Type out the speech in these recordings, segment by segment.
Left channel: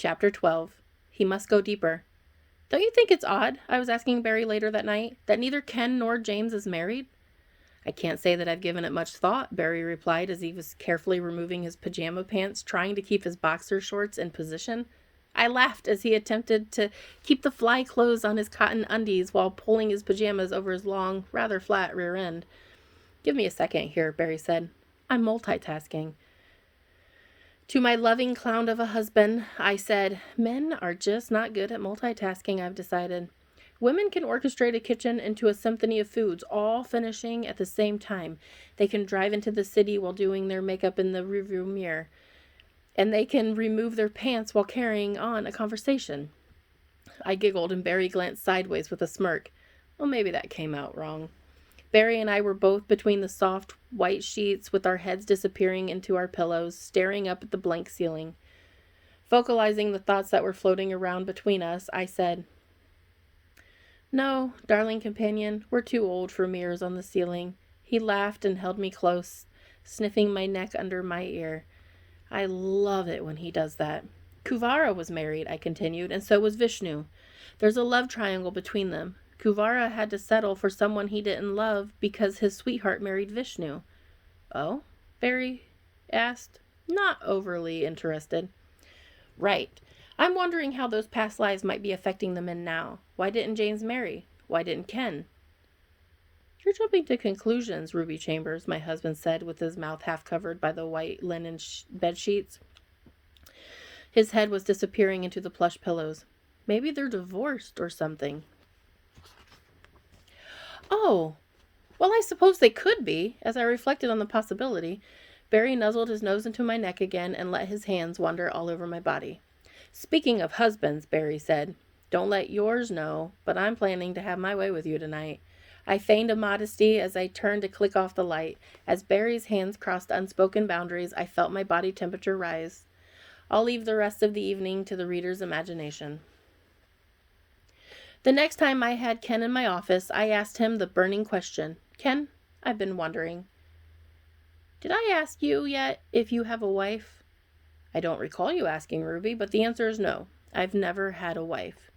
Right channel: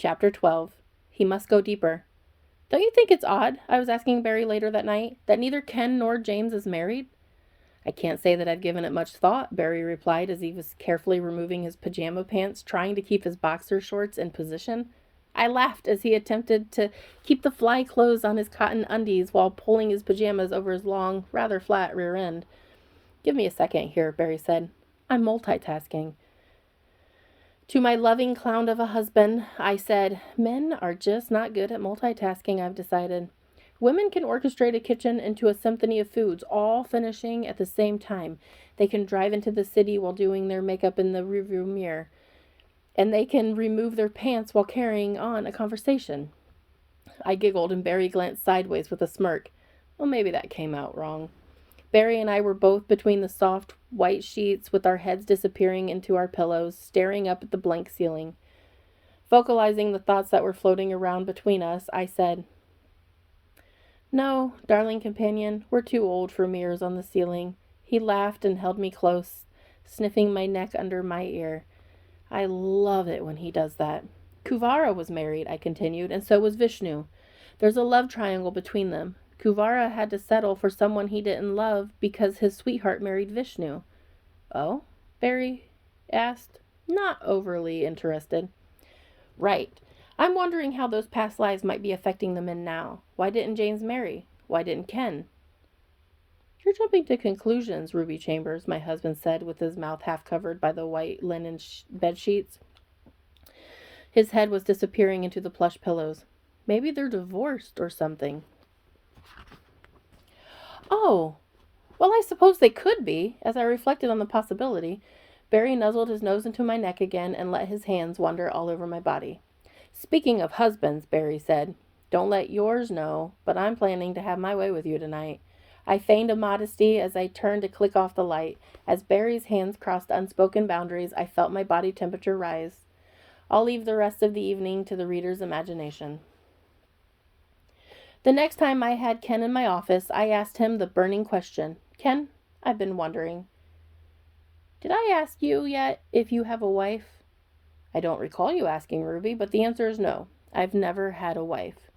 Chapter 12. He must go deeper. Don't you think it's odd, I was asking Barry later that night, that neither Ken nor James is married? I can't say that I've given it much thought, Barry replied as he was carefully removing his pajama pants, trying to keep his boxer shorts in position. I laughed as he attempted to keep the fly clothes on his cotton undies while pulling his pajamas over his long, rather flat rear end. Give me a second here, Barry said. I'm multitasking. To my loving clown of a husband, I said, men are just not good at multitasking, I've decided. Women can orchestrate a kitchen into a symphony of foods, all finishing at the same time. They can drive into the city while doing their makeup in the rearview mirror. And they can remove their pants while carrying on a conversation. I giggled and Barry glanced sideways with a smirk. Well, maybe that came out wrong. Barry and I were both between the soft, white sheets with our heads disappearing into our pillows, staring up at the blank ceiling. Vocalizing the thoughts that were floating around between us, I said, No, darling companion, we're too old for mirrors on the ceiling. He laughed and held me close, sniffing my neck under my ear. I love it when he does that. Kuvara was married, I continued, and so was Vishnu. There's a love triangle between them. Kuvara had to settle for someone he didn't love because his sweetheart married Vishnu. Oh? Barry asked, not overly interested. Right. I'm wondering how those past lives might be affecting the men now. Why didn't James marry? Why didn't Ken? You're jumping to conclusions, Ruby Chambers, my husband said with his mouth half covered by the white linen bed sheets. His head was disappearing into the plush pillows. Maybe they're divorced or something. Oh, well, I suppose they could be. As I reflected on the possibility, Barry nuzzled his nose into my neck again and let his hands wander all over my body. Speaking of husbands, Barry said, don't let yours know, but I'm planning to have my way with you tonight. I feigned a modesty as I turned to click off the light. As Barry's hands crossed unspoken boundaries, I felt my body temperature rise. I'll leave the rest of the evening to the reader's imagination. The next time I had Ken in my office, I asked him the burning question. Ken, I've been wondering. Did I ask you yet if you have a wife? I don't recall you asking, Ruby, but the answer is no. I've never had a wife.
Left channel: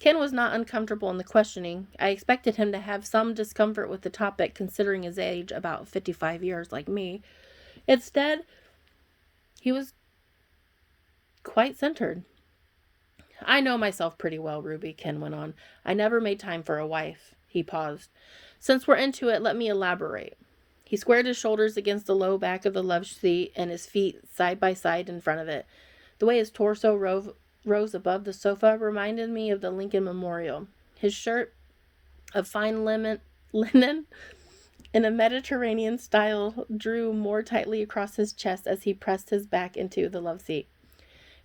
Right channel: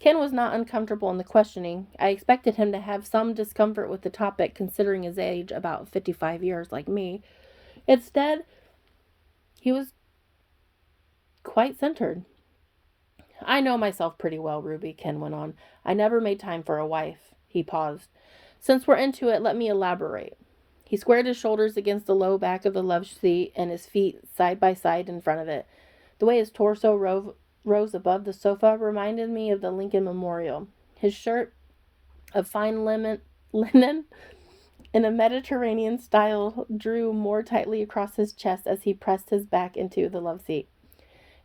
Ken was not uncomfortable in the questioning. I expected him to have some discomfort with the topic, considering his age, about 55 years, like me. Instead, he was quite centered. I know myself pretty well, Ruby, Ken went on. I never made time for a wife. He paused. Since we're into it, let me elaborate. He squared his shoulders against the low back of the love seat and his feet side by side in front of it. The way his torso rose above the sofa reminded me of the Lincoln Memorial. His shirt of fine linen in a Mediterranean style drew more tightly across his chest as he pressed his back into the love seat.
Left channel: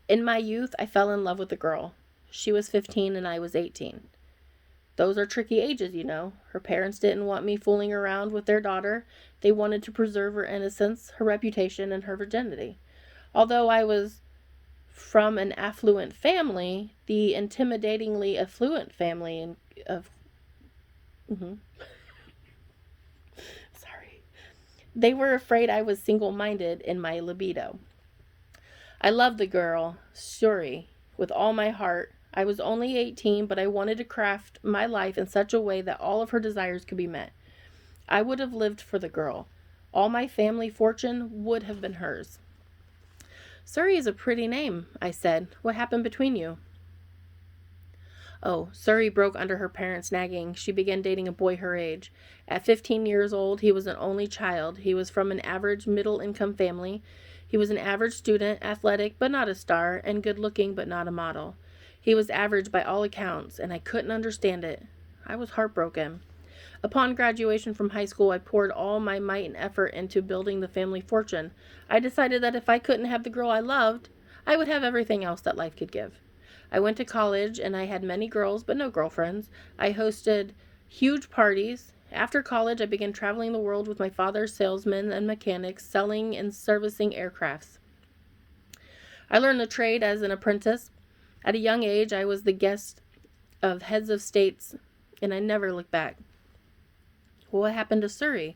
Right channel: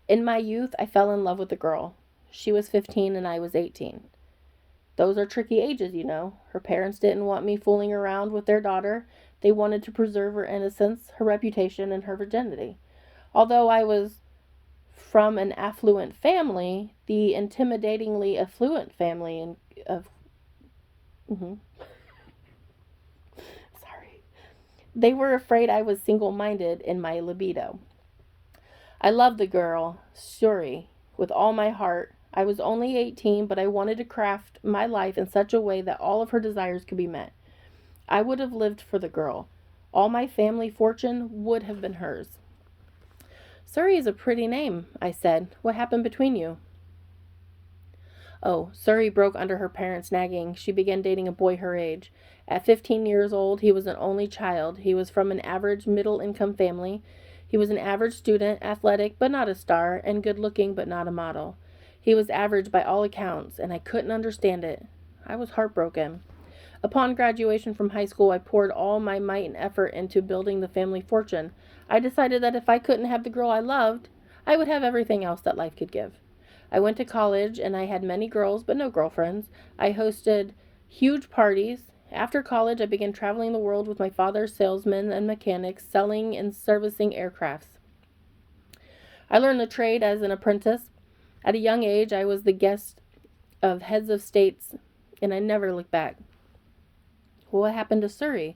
In my youth, I fell in love with a girl. She was 15 and I was 18. Those are tricky ages, you know. Her parents didn't want me fooling around with their daughter. They wanted to preserve her innocence, her reputation, and her virginity. Although I was from an affluent family, the intimidatingly affluent family of... Sorry. They were afraid I was single-minded in my libido. I loved the girl, Suri, with all my heart. I was only 18, but I wanted to craft my life in such a way that all of her desires could be met. I would have lived for the girl. All my family fortune would have been hers. Suri is a pretty name, I said. What happened between you? Oh, Suri broke under her parents' nagging. She began dating a boy her age. At 15 years old, he was an only child. He was from an average middle-income family. He was an average student, athletic but not a star, and good-looking but not a model. He was average by all accounts, and I couldn't understand it. I was heartbroken. Upon graduation from high school, I poured all my might and effort into building the family fortune. I decided that if I couldn't have the girl I loved, I would have everything else that life could give. I went to college, and I had many girls but no girlfriends. I hosted huge parties. After college, I began traveling the world with my father's salesmen and mechanics, selling and servicing aircrafts. I learned the trade as an apprentice. At a young age, I was the guest of heads of states, and I never looked back. What happened to Suri?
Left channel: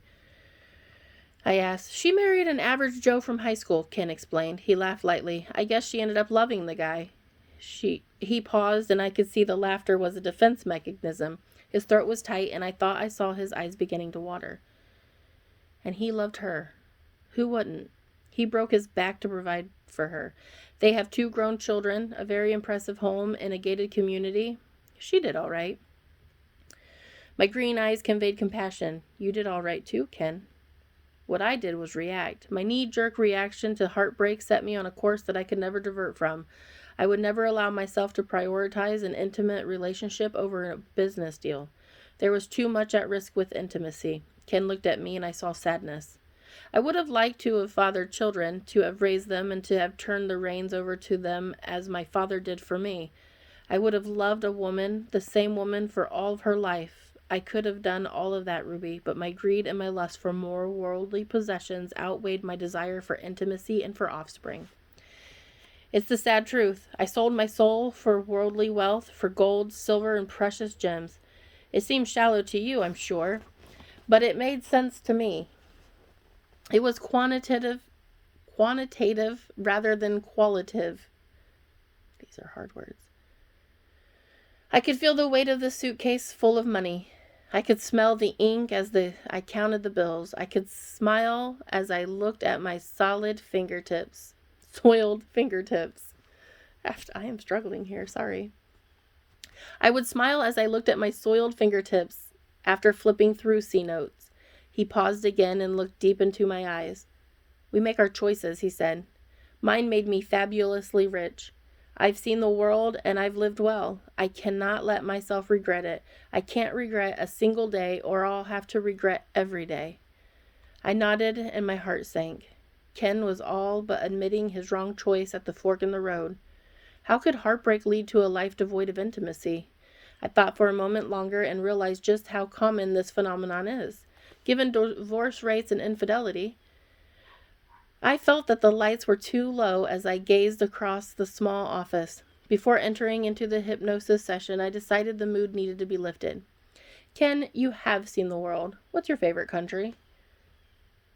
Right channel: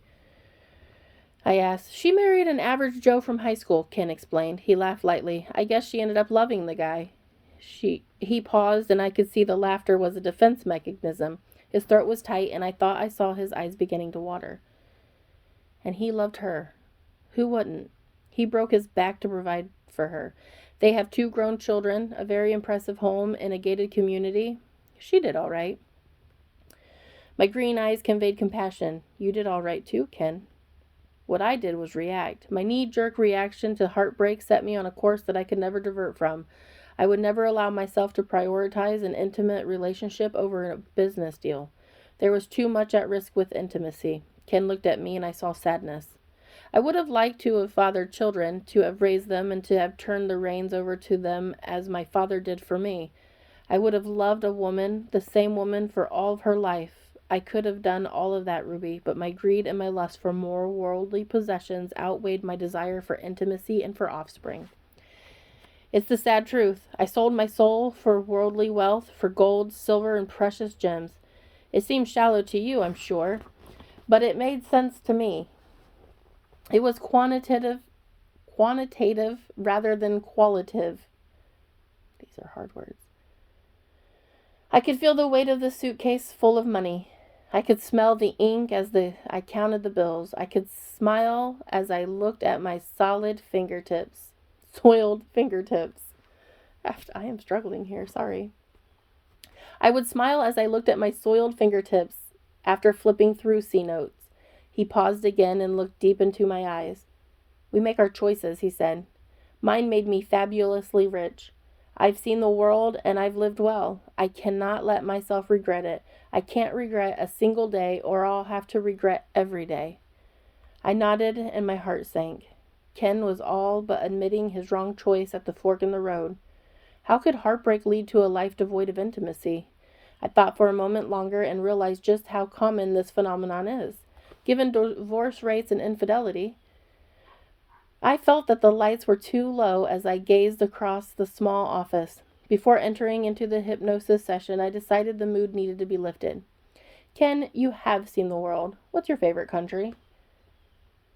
I asked. She married an average Joe from high school, Ken explained. He laughed lightly. I guess she ended up loving the guy. He paused, and I could see the laughter was a defense mechanism. His throat was tight, and I thought I saw his eyes beginning to water. And he loved her. Who wouldn't? He broke his back to provide for her. They have 2 grown children, a very impressive home, and a gated community. She did all right. My green eyes conveyed compassion. You did all right too, Ken. What I did was react. My knee-jerk reaction to heartbreak set me on a course that I could never divert from. I would never allow myself to prioritize an intimate relationship over a business deal. There was too much at risk with intimacy. Ken looked at me, and I saw sadness. I would have liked to have fathered children, to have raised them, and to have turned the reins over to them as my father did for me. I would have loved a woman, the same woman, for all of her life. I could have done all of that, Ruby, but my greed and my lust for more worldly possessions outweighed my desire for intimacy and for offspring. It's the sad truth. I sold my soul for worldly wealth, for gold, silver, and precious gems. It seems shallow to you, I'm sure, but it made sense to me. It was quantitative rather than qualitative. These are hard words. I could feel the weight of the suitcase full of money. I could smell the ink as I counted the bills. I could smile as I looked at my soiled fingertips. I am struggling here, sorry. I would smile as I looked at my soiled fingertips after flipping through C notes. He paused again and looked deep into my eyes. We make our choices, he said. Mine made me fabulously rich. I've seen the world and I've lived well. I cannot let myself regret it. I can't regret a single day, or I'll have to regret every day. I nodded and my heart sank. Ken was all but admitting his wrong choice at the fork in the road. How could heartbreak lead to a life devoid of intimacy? I thought for a moment longer and realized just how common this phenomenon is. Given divorce rates and infidelity, I felt that the lights were too low as I gazed across the small office. Before entering into the hypnosis session, I decided the mood needed to be lifted. Ken, you have seen the world. What's your favorite country?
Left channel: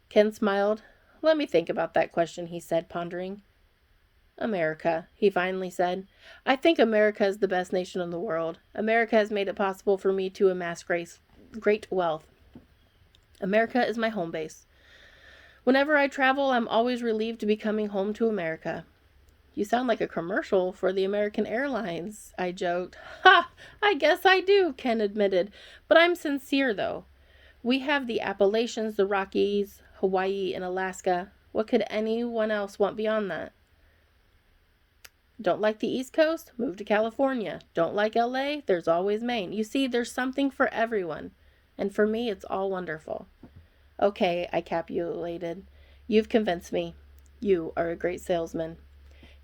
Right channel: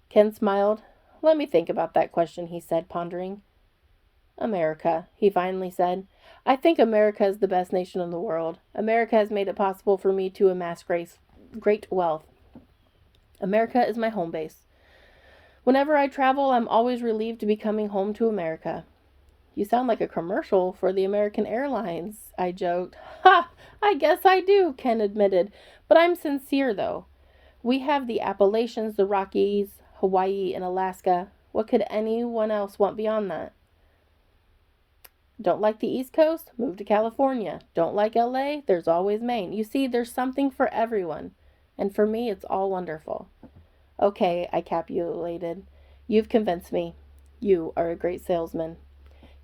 Ken smiled. Let me think about that question, he said, pondering. America, he finally said. I think America is the best nation in the world. America has made it possible for me to amass great wealth. America is my home base. Whenever I travel, I'm always relieved to be coming home to America. You sound like a commercial for the American Airlines, I joked. Ha! I guess I do, Ken admitted. But I'm sincere, though. We have the Appalachians, the Rockies, Hawaii, and Alaska. What could anyone else want beyond that? Don't like the East Coast? Move to California. Don't like LA? There's always Maine. You see, there's something for everyone. And for me, it's all wonderful. Okay, I capitulated. You've convinced me. You are a great salesman.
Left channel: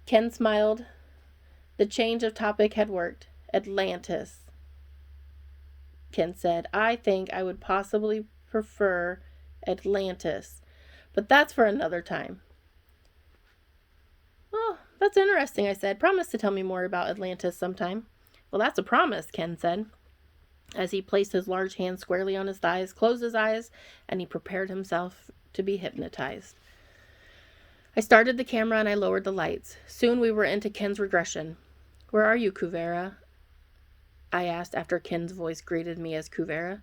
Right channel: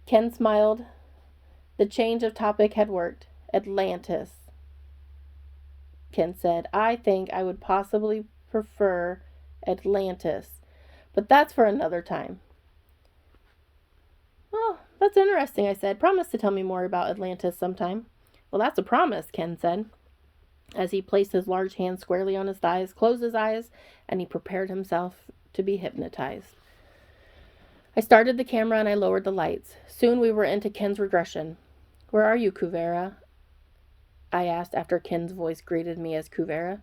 Ken smiled. The change of topic had worked. Atlantis, Ken said. I think I would possibly prefer Atlantis, but that's for another time. Oh, that's interesting, I said. Promise to tell me more about Atlantis sometime. Well, that's a promise, Ken said, as he placed his large hand squarely on his thighs, closed his eyes, and he prepared himself to be hypnotized. I started the camera and I lowered the lights. Soon we were into Ken's regression. Where are you, Kuvera? I asked after Ken's voice greeted me as Kuvera.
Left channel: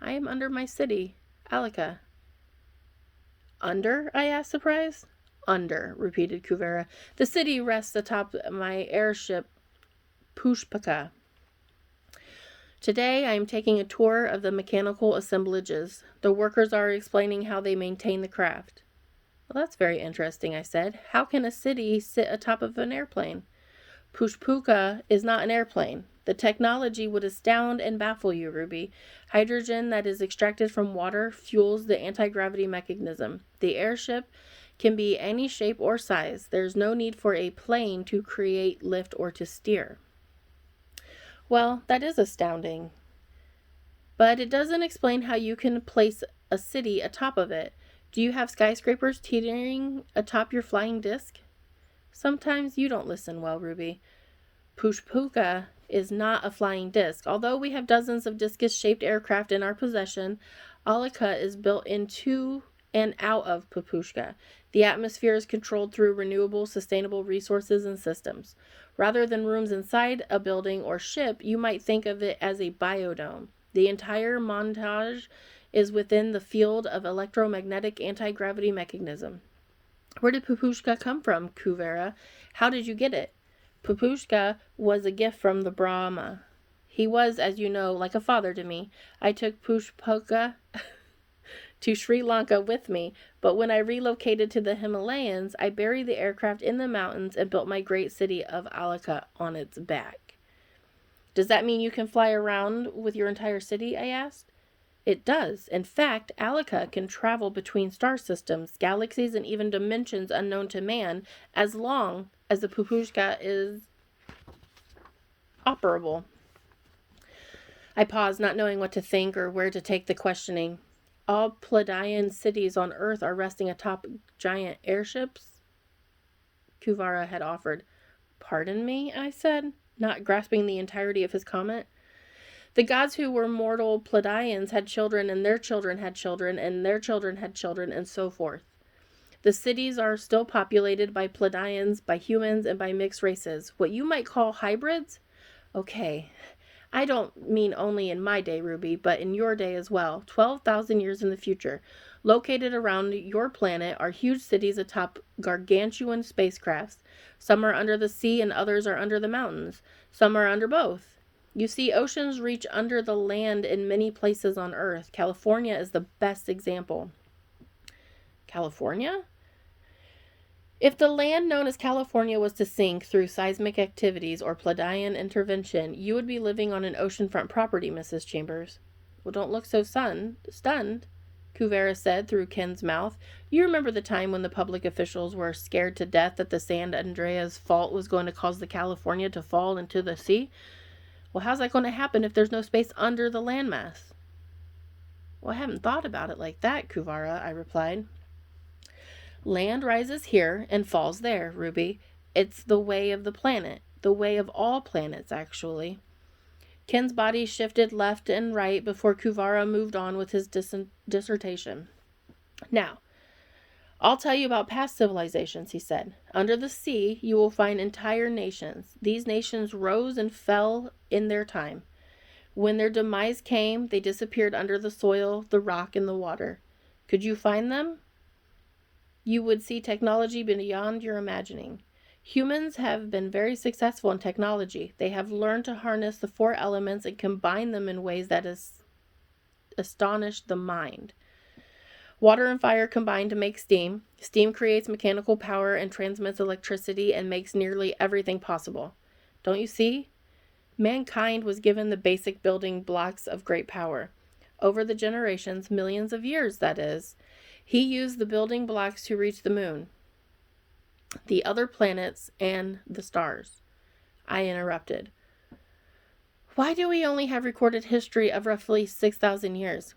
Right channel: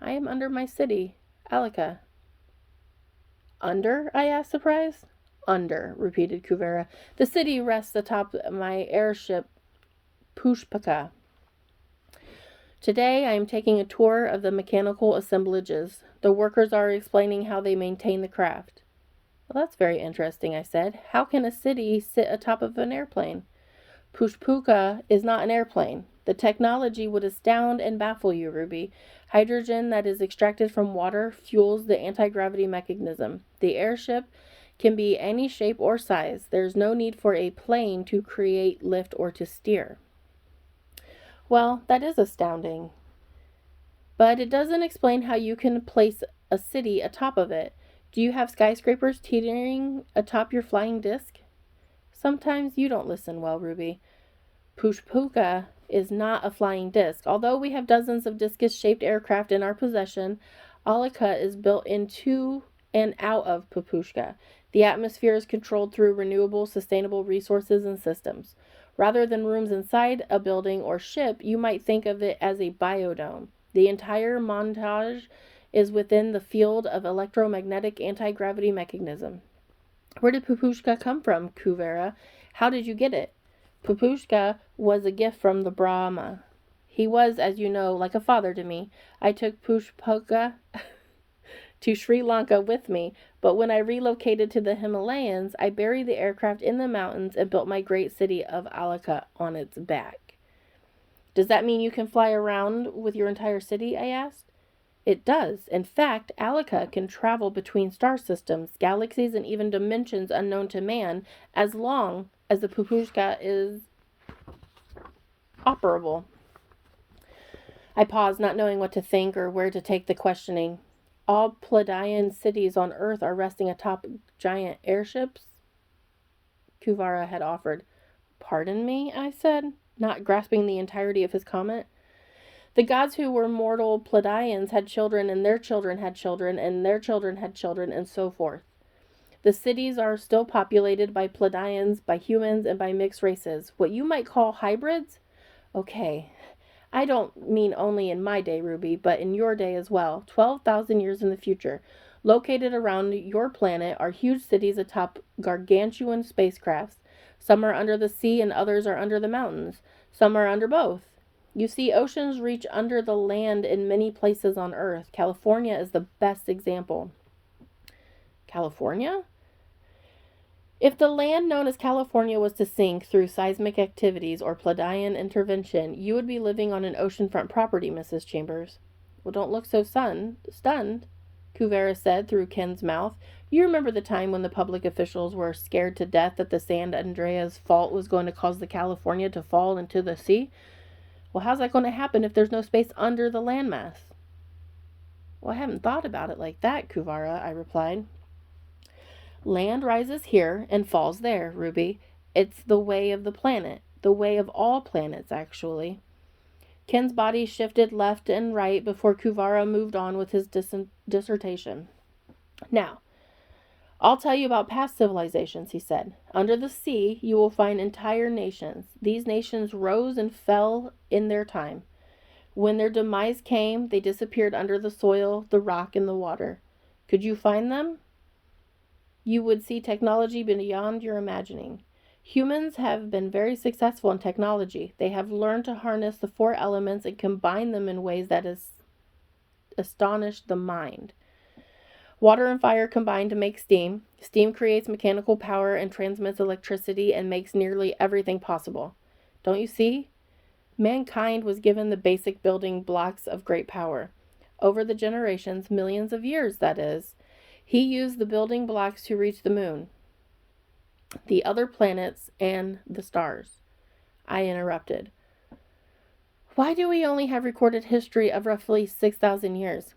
I am under my city, Alika. Under? I asked, surprised. Under, repeated Kuvera. The city rests atop my airship, Pushpaka. Today I am taking a tour of the mechanical assemblages. The workers are explaining how they maintain the craft. Well, that's very interesting, I said. How can a city sit atop of an airplane? Pushpaka is not an airplane. The technology would astound and baffle you, Ruby. Hydrogen that is extracted from water fuels the anti-gravity mechanism. The airship can be any shape or size. There's no need for a plane to create, lift, or to steer. Well, that is astounding. But it doesn't explain how you can place a city atop of it. Do you have skyscrapers teetering atop your flying disc? Sometimes you don't listen well, Ruby. Pushpaka is not a flying disc. Although we have dozens of discus-shaped aircraft in our possession, Alika is built into and out of Pushpaka. The atmosphere is controlled through renewable, sustainable resources and systems. Rather than rooms inside a building or ship, you might think of it as a biodome. The entire montage is within the field of electromagnetic anti-gravity mechanism. Where did Pupushka come from, Kuvera? How did you get it? Pupushka was a gift from the Brahma. He was, as you know, like a father to me. I took Pushpoka to Sri Lanka with me, but when I relocated to the Himalayas, I buried the aircraft in the mountains and built my great city of Alaka on its back. Does that mean you can fly around with your entire city? I asked. It does. In fact, Alaka can travel between star systems, galaxies, and even dimensions unknown to man as long as the Pupushka is operable. I paused, not knowing what to think or where to take the questioning. All Pleiadian cities on Earth are resting atop giant airships, Kuvara had offered. Pardon me, I said, not grasping the entirety of his comment. The gods who were mortal Pleiadians had children, and their children had children, and their children had children, and so forth. The cities are still populated by Pleiadians, by humans, and by mixed races. What you might call hybrids? Okay, I don't mean only in my day, Ruby, but in your day as well. 12,000 years in the future. Located around your planet are huge cities atop gargantuan spacecrafts. Some are under the sea and others are under the mountains. Some are under both. You see, oceans reach under the land in many places on Earth. California is the best example. California? If the land known as California was to sink through seismic activities or Pleiadian intervention, you would be living on an oceanfront property, Mrs. Chambers. Well, don't look so stunned, Kuvera said through Ken's mouth. You remember the time when the public officials were scared to death that the San Andreas fault was going to cause the California to fall into the sea? Well, how's that going to happen if there's no space under the landmass? Well, I haven't thought about it like that, Kuvara, I replied. Land rises here and falls there, Ruby. It's the way of the planet. The way of all planets, actually. Ken's body shifted left and right before Kuvara moved on with his dissertation. Now, I'll tell you about past civilizations, he said. Under the sea, you will find entire nations. These nations rose and fell in their time. When their demise came, they disappeared under the soil, the rock, and the water. Could you find them? You would see technology beyond your imagining. Humans have been very successful in technology. They have learned to harness the four elements and combine them in ways that astonish the mind. Water and fire combine to make steam. Steam creates mechanical power and transmits electricity and makes nearly everything possible. Don't you see? Mankind was given the basic building blocks of great power. Over the generations, millions of years, that is, he used the building blocks to reach the moon, the other planets, and the stars. I interrupted. Why do we only have recorded history of roughly 6,000 years?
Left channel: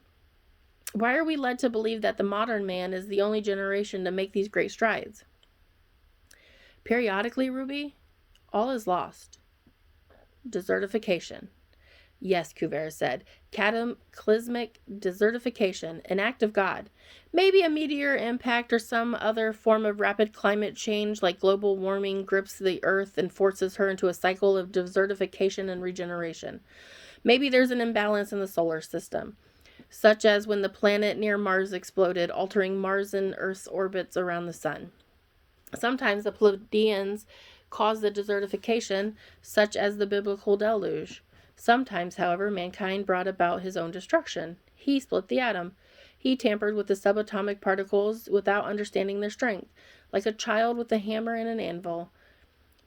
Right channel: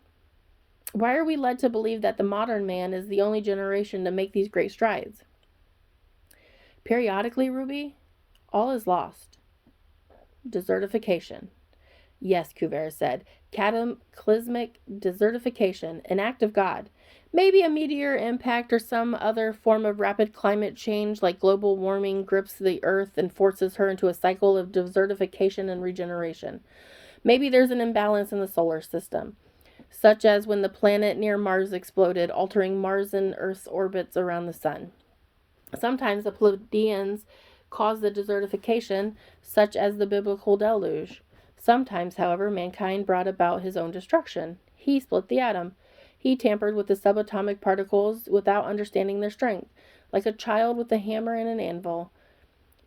Why are we led to believe that the modern man is the only generation to make these great strides? Periodically, Ruby, all is lost. Desertification. Yes, Kuvera said. Cataclysmic desertification, an act of God. Maybe a meteor impact or some other form of rapid climate change like global warming grips the earth and forces her into a cycle of desertification and regeneration. Maybe there's an imbalance in the solar system, such as when the planet near Mars exploded, altering Mars and Earth's orbits around the sun. Sometimes the Pleiadians cause the desertification, such as the biblical deluge. Sometimes, however, mankind brought about his own destruction. He split the atom. He tampered with the subatomic particles without understanding their strength, like a child with a hammer and an anvil.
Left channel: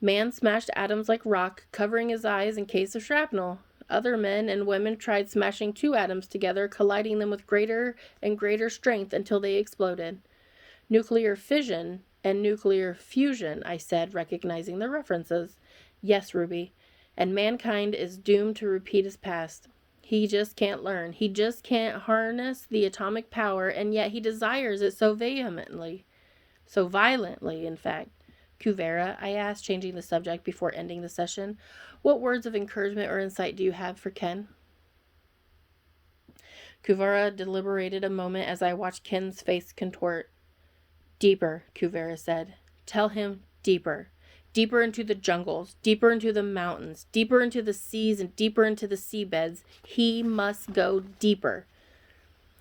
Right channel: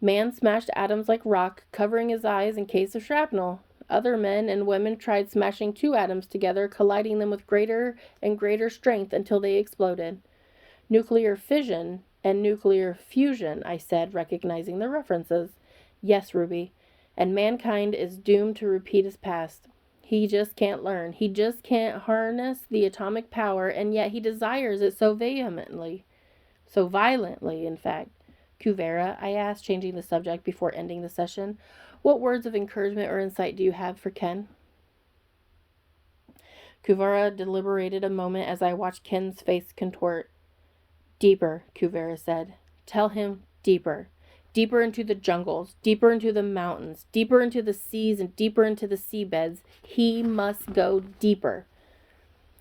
Man smashed atoms like rock, covering his eyes in case of shrapnel. Other men and women tried smashing two atoms together, colliding them with greater and greater strength until they exploded. Nuclear fission and nuclear fusion, I said, recognizing the references. Yes, Ruby, and mankind is doomed to repeat his past. He just can't learn. He just can't harness the atomic power, and yet he desires it so vehemently. So violently, in fact. Kuvera, I asked, changing the subject before ending the session, what words of encouragement or insight do you have for Ken? Kuvera deliberated a moment as I watched Ken's face contort. Deeper, Kuvera said. Tell him deeper. Deeper into the jungles, deeper into the mountains, deeper into the seas, and deeper into the seabeds. He must go deeper.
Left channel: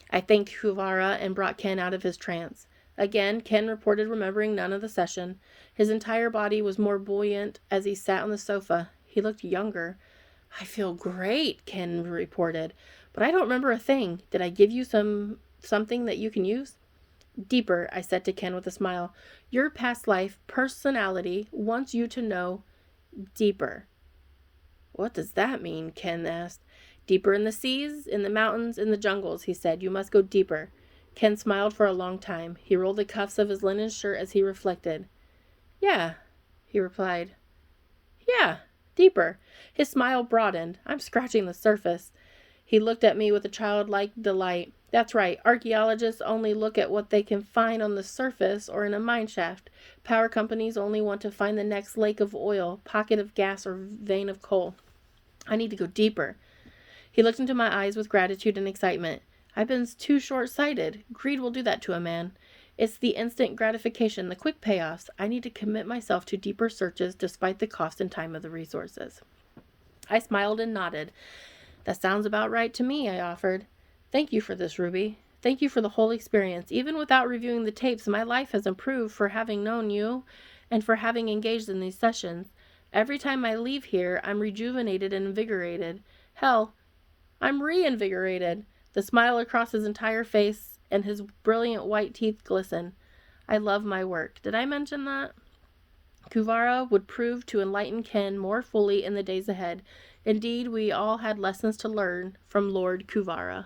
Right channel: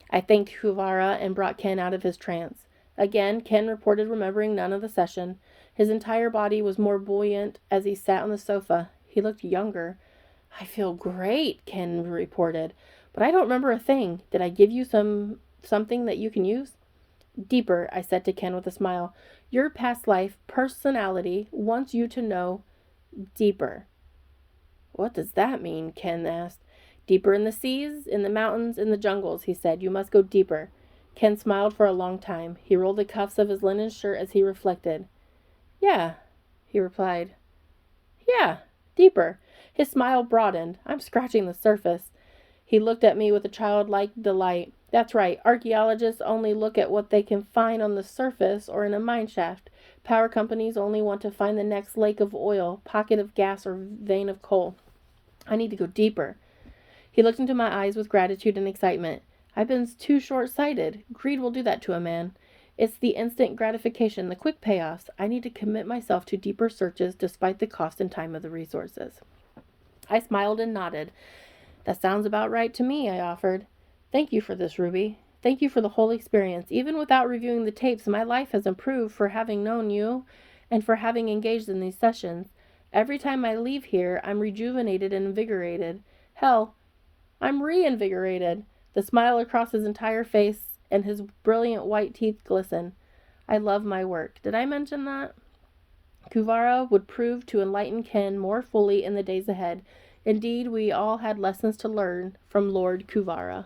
I thanked Kuvara and brought Ken out of his trance. Again, Ken reported remembering none of the session. His entire body was more buoyant as he sat on the sofa. He looked younger. I feel great, Ken reported, but I don't remember a thing. Did I give you something that you can use? Deeper, I said to Ken with a smile. Your past life personality wants you to know deeper. What does that mean? Ken asked. Deeper in the seas, in the mountains, in the jungles, he said. You must go deeper. Ken smiled for a long time. He rolled the cuffs of his linen shirt as he reflected. Yeah, he replied. Yeah, deeper. His smile broadened. I'm scratching the surface. He looked at me with a childlike delight. That's right. Archaeologists only look at what they can find on the surface or in a mine shaft. Power companies only want to find the next lake of oil, pocket of gas, or vein of coal. I need to go deeper. He looked into my eyes with gratitude and excitement. I've been too short-sighted. Greed will do that to a man. It's the instant gratification, the quick payoffs. I need to commit myself to deeper searches despite the cost and time of the resources. I smiled and nodded. That sounds about right to me, I offered. Thank you for this, Ruby. Thank you for the whole experience. Even without reviewing the tapes, my life has improved for having known you and for having engaged in these sessions. Every time I leave here, I'm rejuvenated and invigorated. Hell, I'm reinvigorated. The smile across his entire face and his brilliant white teeth glisten. I love my work. Did I mention that? Kuvara would prove to enlighten Ken more fully in the days ahead. Indeed, we all had lessons to learn from Lord Kuvara.